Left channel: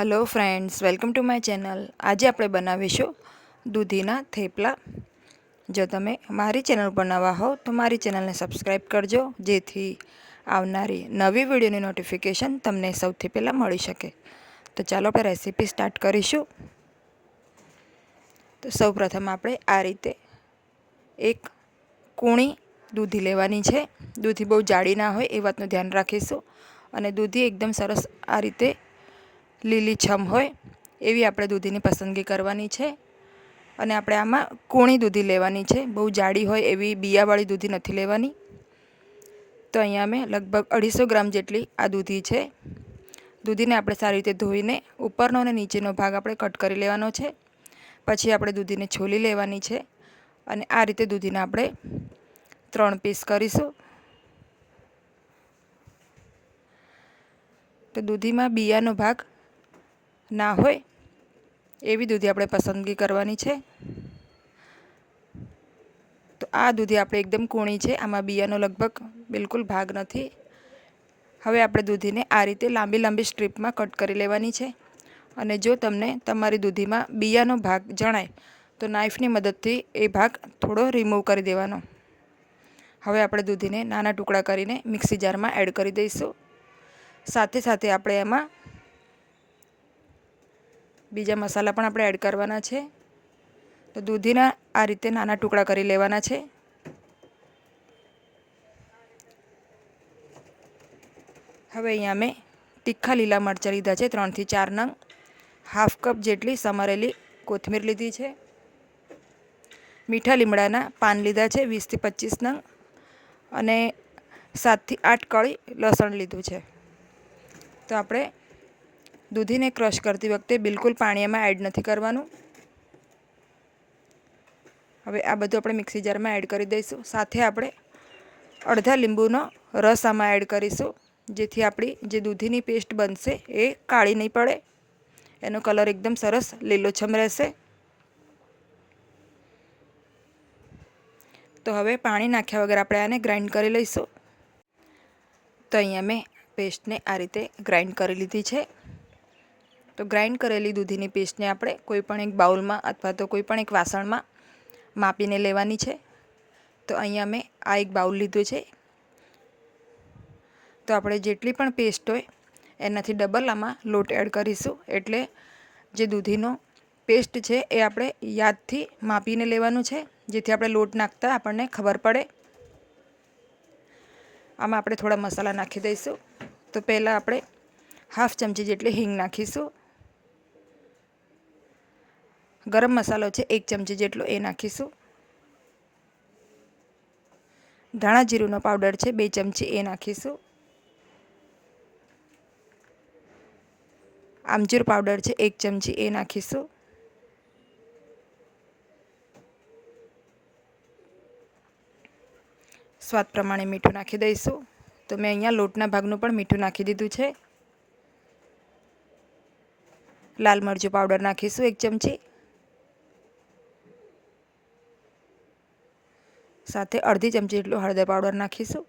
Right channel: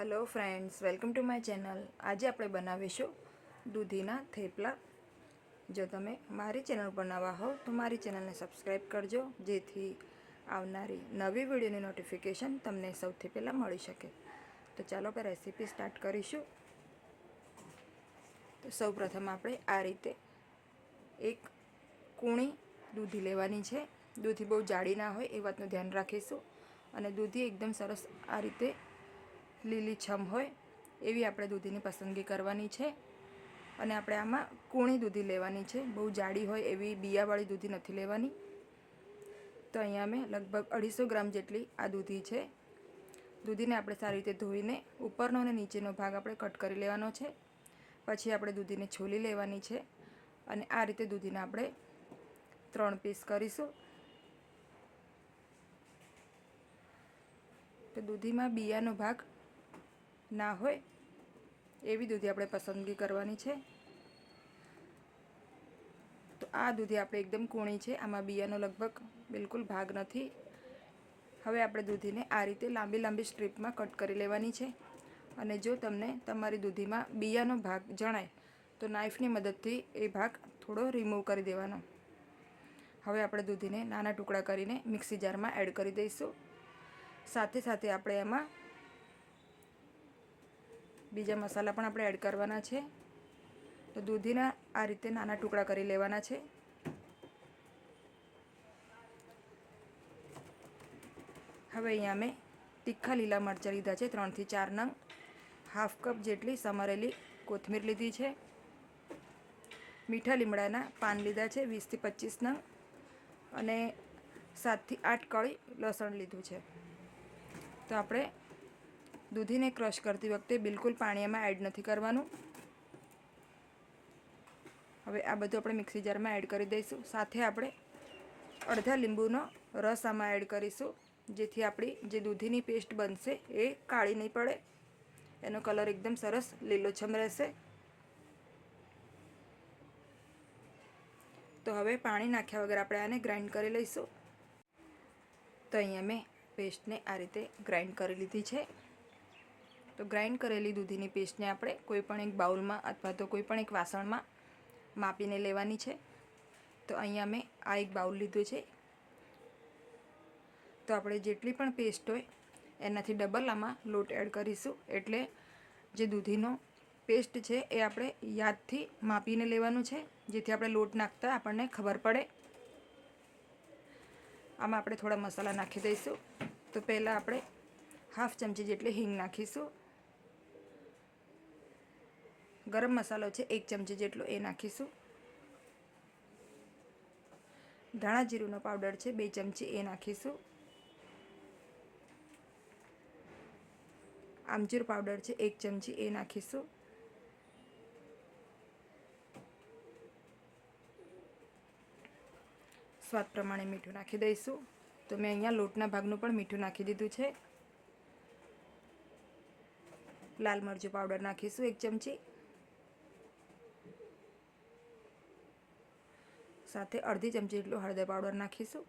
Hello friends, welcome to my channel. आज આપણે બનાવીશું દૂધીના થેપલા। જો તમે મારી ચેનલ પર નવા હો તો મારી ચેનલને સબસ્ક્રાઈબ કરજો, જેથી આવનારી નવી વિડીયોની નોટિફિકેશન તમને સૌથી પહેલાં મળી શકે। તો ચાલો આપણે રેસીપી સ્ટાર્ટ કરીશું। તો સૌપ્રથમ આપણે આ રીતે એક કૂણી દૂધી લેવાની છે। દૂધી બહુ જાડી ના હોય એ વાતનું ધ્યાન રાખીશું, અને દૂધી એકદમ સરસ આ રીતે લીલીછમ હોય એવી આપણે દૂધીની પસંદગી કરવાની છે। અને આપણે આમાં કૂણી દૂધી લેવાની છે, બહુ જાડી હોય એવી બિયાવાળી દૂધી નથી લેવાની। તો અહીંયા મેં લગભગ 250 ગ્રામ જેટલી આ દૂધી છે। દૂધીને આપણે સારી રીતે ધોઈને ઉપરનો અને નીચેનો ભાગ આપણે કટ કરી લેવાનો છે। પછી આપણે દૂધીને છોલી લેવાની છે, અને આ રીતે દૂધીને આપણે 3 પીસ કરીશું। તો દૂધીમાં બિયાનો ભાગ ના હોય એવી દૂધી આપણે પસંદગી કરવાની છે। તો આ દૂધી આપણે એકદમ કૂણી છે, આમાં બિયાનો લગભગ બિલકુલ ભાગ નથી। હવે આપણે દૂધીને આ રીતે લાંબી લાંબી સ્ટ્રીપમાં કટ કરી લેવાની છે। અને જો તમને તમારી દૂધીમાં બિયાનો ભાગ જણાય તો નાઈફની મદદથી એ ભાગ થોડો રિમૂવ કરી દેવાનો। હવે આપણે દૂધીને નાના ટુકડા કરીને મિક્સી જારમાં એડ કરી દઈશું। સાથે સાથે આપણે એમાં બીજા મસાલા પણ આપણે એડ કરવાના છે। તો દૂધીના આ રીતે નાના ટુકડા કરી લેવાના છે। હવે અહીંયા મેં તીખા લીલા મરચાં લીધા છે 3 થી 4 નંગ। હાફ કપ જેટલી સમારેલી કોથમીર લીધી છે। મીઠા લીમડાના પાન લીધા છે 20 થી 25 નંગ, અને 7 થી 8 કળી લસણ લીધું છે। તો આપણે દૂધીને ક્રશ કરતી વખતે બિલકુલ પાણી એમાં એડ નથી કરવાનું। હવે આ બધું આપણે મિક્સી જારમાં એડ કરી દઈશું। સાથે આપણે અડધા લીંબુનો રસ આમાં એડ કરીશું, જેથી આપણી જે દૂધીની પેસ્ટ બનશે એ કાળી નહીં પડે, એનો કલર એકદમ સરસ લીલોછમ રહેશે। તો હવે પાણી નાખ્યા વગર આપણે આને ગ્રાઇન્ડ કરી લઈશું। તો અહીંયા મેં પેસ્ટને આ રીતે ગ્રાઇન્ડ કરી લીધી છે। તો ગ્રાઇન્ડ કરેલી દૂધીની પેસ્ટને આપણે કોઈપણ એક બાઉલમાં અથવા તો કોઈપણ એક વાસણમાં માપીને લેવાની છે। તો અહીંયા મેં આ એક બાઉલ લીધું છે। તો આપણે જેટલી પણ પેસ્ટ હોય એનાથી ડબલ આમાં લોટ એડ કરીશું, એટલે જે દૂધીનો પેસ્ટ છે એ આપણે યાદથી માપીને લેવાનું છે, જેથી આપણે લોટ નાખતા આપણને ખબર પડે। આમાં આપણે થોડા મસાલા નાખી દઈશું। તો પહેલાં આપણે હાફ ચમચી જેટલી હિંગ નાખીશું। ગરમ મસાલો છે 1 ચમચી જેટલો એ નાખીશું। ધાણા જીરુંનો પાવડર છે 2 ચમચી એ નાખીશું। આમચૂર પાવડર છે 1 ચમચી એ નાખીશું। સ્વાદ પ્રમાણે મીઠું નાખી દઈશું। તો મેં અહીંયા લોટના ભાગનું પણ મીઠું નાખી દીધું છે। લાલ મરચું પાવડર નાખીશું 1 ચમચી, સાથે અડધી ચમચી જેટલું હળદર પાવડર નાખીશું।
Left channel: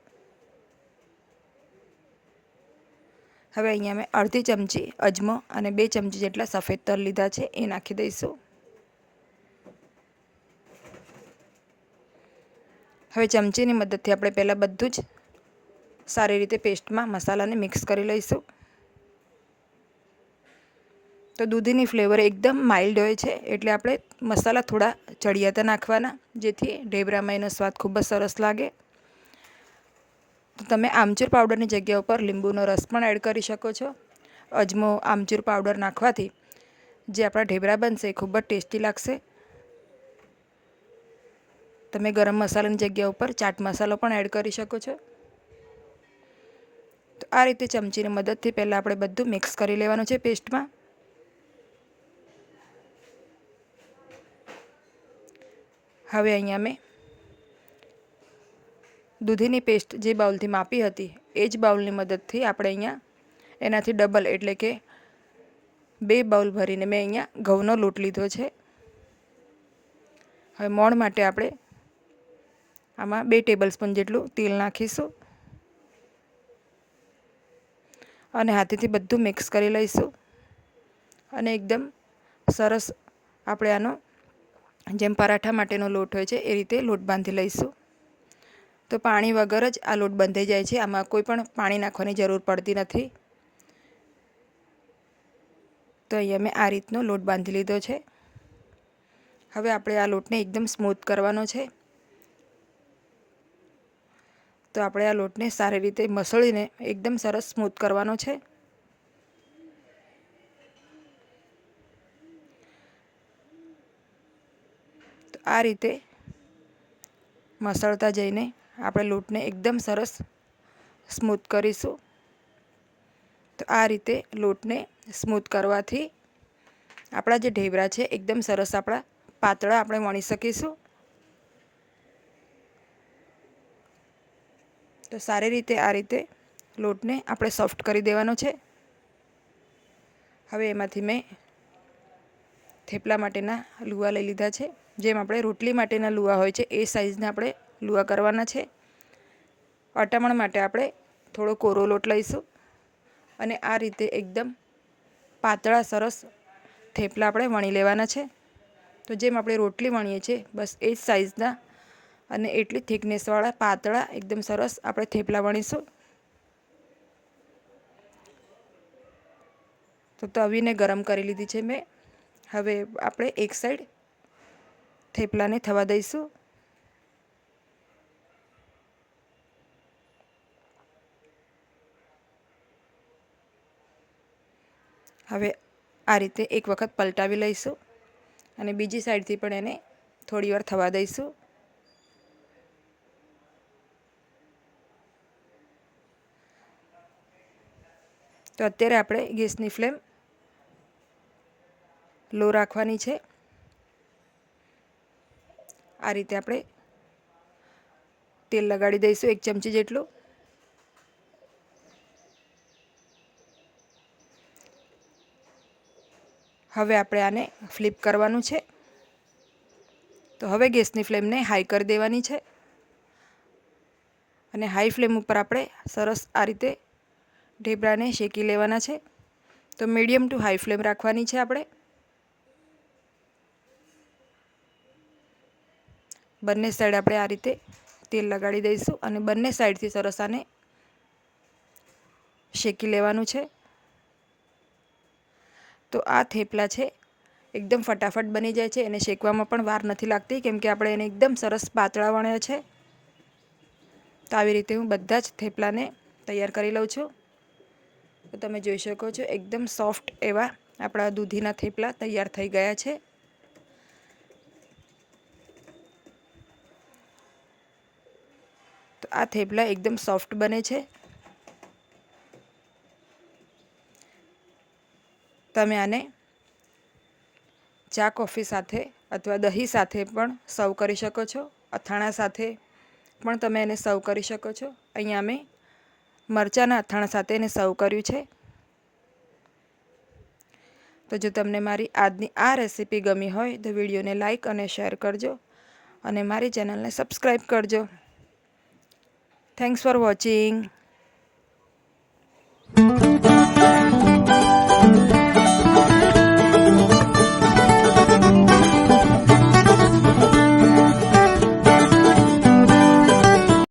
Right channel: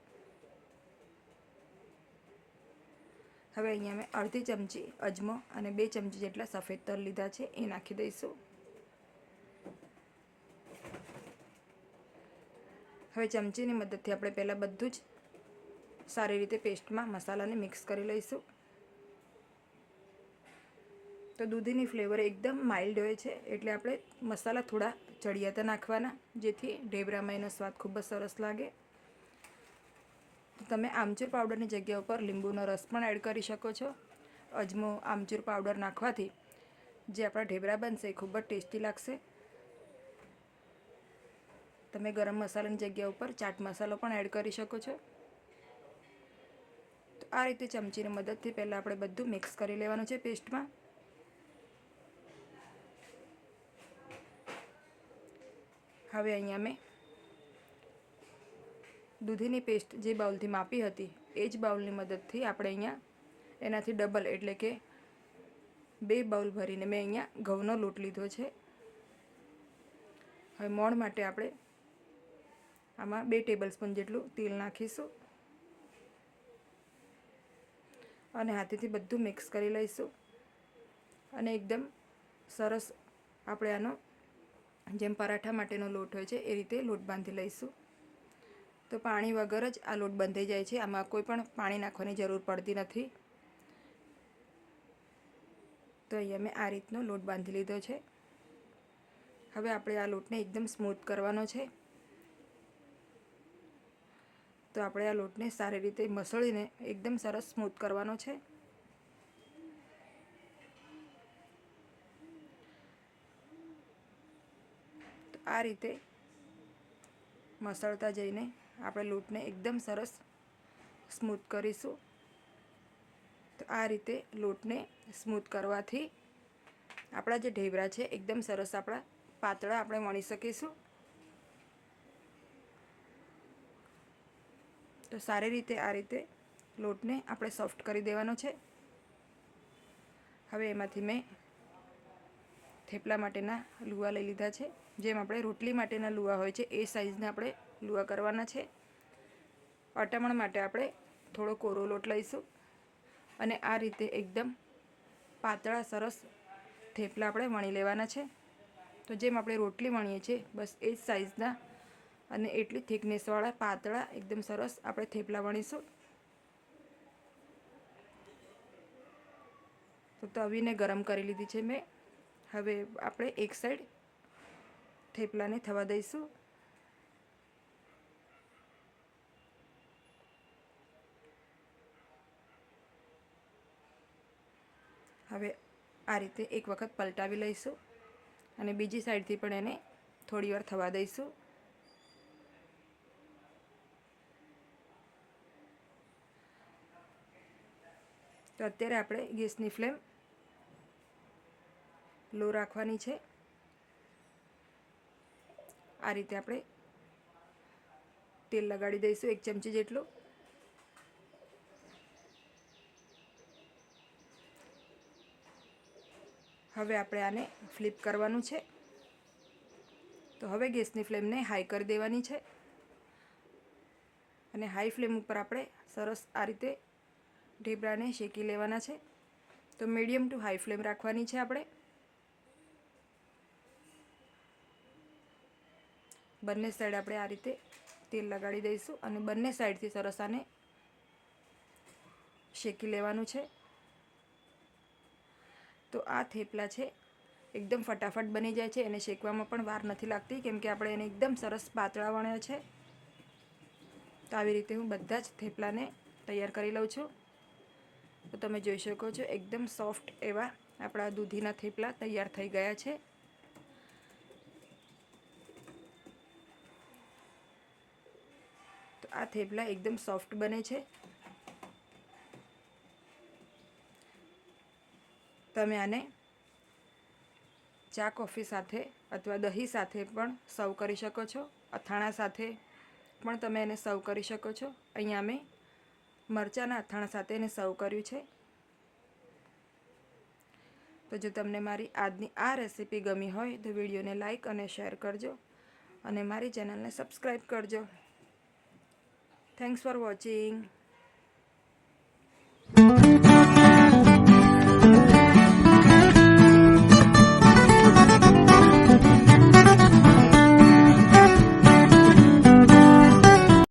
હવે અહીંયા મેં અડધી ચમચી અજમો અને 2 ચમચી જેટલા સફેદ તલ લીધા છે એ નાખી દઈશું। હવે ચમચીની મદદથી આપણે પહેલાં બધું જ સારી રીતે પેસ્ટમાં મસાલાને મિક્સ કરી લઈશું। તો દૂધીની ફ્લેવર એકદમ માઇલ્ડ હોય છે, એટલે આપણે મસાલા થોડા ચડિયાતા નાખવાના, જેથી ઢેબરામાં એનો સ્વાદ ખૂબ જ સરસ લાગે। તો તમે આમચૂર પાવડરની જગ્યા ઉપર લીંબુનો રસ પણ એડ કરી શકો છો। અજમો, આમચૂર પાવડર નાખવાથી જે આપણા ઢેબરા બનશે એ ખૂબ જ ટેસ્ટી લાગશે। તમે ગરમ મસાલાની જગ્યા ઉપર ચાટ મસાલો પણ એડ કરી શકો છો। તો આ રીતે ચમચીની મદદથી પહેલાં આપણે બધું મિક્સ કરી લેવાનું છે પેસ્ટમાં। હવે અહીંયા મેં દૂધીની પેસ્ટ જે બાઉલથી માપી હતી એ જ બાઉલની મદદથી આપણે અહીંયા એનાથી ડબલ એટલે કે 2 બાઉલ ભરીને મેં અહીંયા ઘઉંનો લોટ લીધો છે। હવે મોણ માટે આપણે આમાં 2 ટેબલસ્પૂન જેટલું તેલ નાખીશું, અને હાથેથી બધું મિક્સ કરી લઈશું। અને એકદમ સરસ આપણે આનો જેમ પરાઠા માટેનો લોટ હોય છે એ રીતે લોટ બાંધી લઈશું. તો પાણી વગર જ આ લોટ બંધાઈ જાય છે. આમાં કોઈ પણ પાણી નાખવાની જરૂર પડતી નથી. તો અહીંયા મેં આ રીતનો લોટ બાંધી લીધો છે. હવે આપણે આ લોટને એકદમ સ્મૂથ કરવાનો છે. તો આપણે આ લોટને સારી રીતે મસળીને એકદમ સરસ સ્મૂથ કરવાનો છે. તો આ રીતે મસળતા જઈને આપણે લોટને એકદમ સરસ સ્મૂથ કરીશું. તો આ રીતે લોટને સ્મૂથ કરવાથી આપણા જે ઢેબરા છે એકદમ સરસ આપણા પાતળા આપણે વણી શકીશું. તો સારી રીતે આ રીતે લોટને આપણે સોફ્ટ કરી દેવાનો છે. હવે એમાંથી મેં થેપલા માટેના લુવા લઈ લીધા છે. જેમ આપણે રોટલી માટેના લુવા હોય છે એ સાઇઝના આપણે લુવા કરવાના છે. અટામણ માટે આપણે થોડો કોરો લોટ લઈશું અને આ રીતે એકદમ પાતળા સરસ થેપલા આપણે વણી લેવાના છે. તો જેમ આપણે રોટલી વણીએ છીએ બસ એ જ સાઇઝના અને એટલી થિકનેસવાળા પાતળા એકદમ સરસ આપણે થેપલા વણીશું. તો તવીને ગરમ કરી લીધી છે મેં. હવે આપણે એક સાઈડ થેપલાને થવા દઈશું. હવે આ રીતે એક વખત પલટાવી લઈશું અને બીજી સાઈડથી પણ એને થોડી વાર થવા દઈશું. તો અત્યારે આપણે ગેસની ફ્લેમ લો રાખવાની છે. આ રીતે આપણે તેલ લગાડી દઈશું 1 ચમચી જેટલું. હવે આપણે આને ફ્લિપ કરવાનું છે. તો હવે ગેસની ફ્લેમને હાઈ કરી દેવાની છે અને હાઈ ફ્લેમ ઉપર આપણે સરસ આ રીતે ઢેબરાને શેકી લેવાના છે. તો મીડિયમ ટુ હાઈ ફ્લેમ રાખવાની છે આપણે. બંને સાઈડ આપણે આ રીતે તેલ લગાડી દઈશું અને બંને સાઈડથી સરસ આને શેકી લેવાનું છે. તો આ થેપલા છે એકદમ ફટાફટ બની જાય છે અને શેકવામાં પણ વાર નથી લાગતી કેમ કે આપણે એને એકદમ સરસ પાતળા વણ્યા છે. તો આવી રીતે હું બધા જ થેપલાને તૈયાર કરી લઉં છું. તો તમે જોઈ શકો છો એકદમ સોફ્ટ એવા આપણા દૂધીના થેપલા તૈયાર થઈ ગયા છે. તો આ થેપલા એકદમ સોફ્ટ બને છે. તમે આને ચા કોફી સાથે અથવા દહીં સાથે પણ સર્વ કરી શકો છો. અથાણા સાથે પણ તમે એને સર્વ કરી શકો છો. અહીંયા મેં મરચાંના અથાણા સાથે એને સર્વ કર્યું છે. તો જો તમને મારી આજની આ રેસીપી ગમી હોય તો વિડીયોને લાઈક અને શેર કરજો અને મારી ચેનલને સબસ્ક્રાઈબ કરજો. Thanks for watching.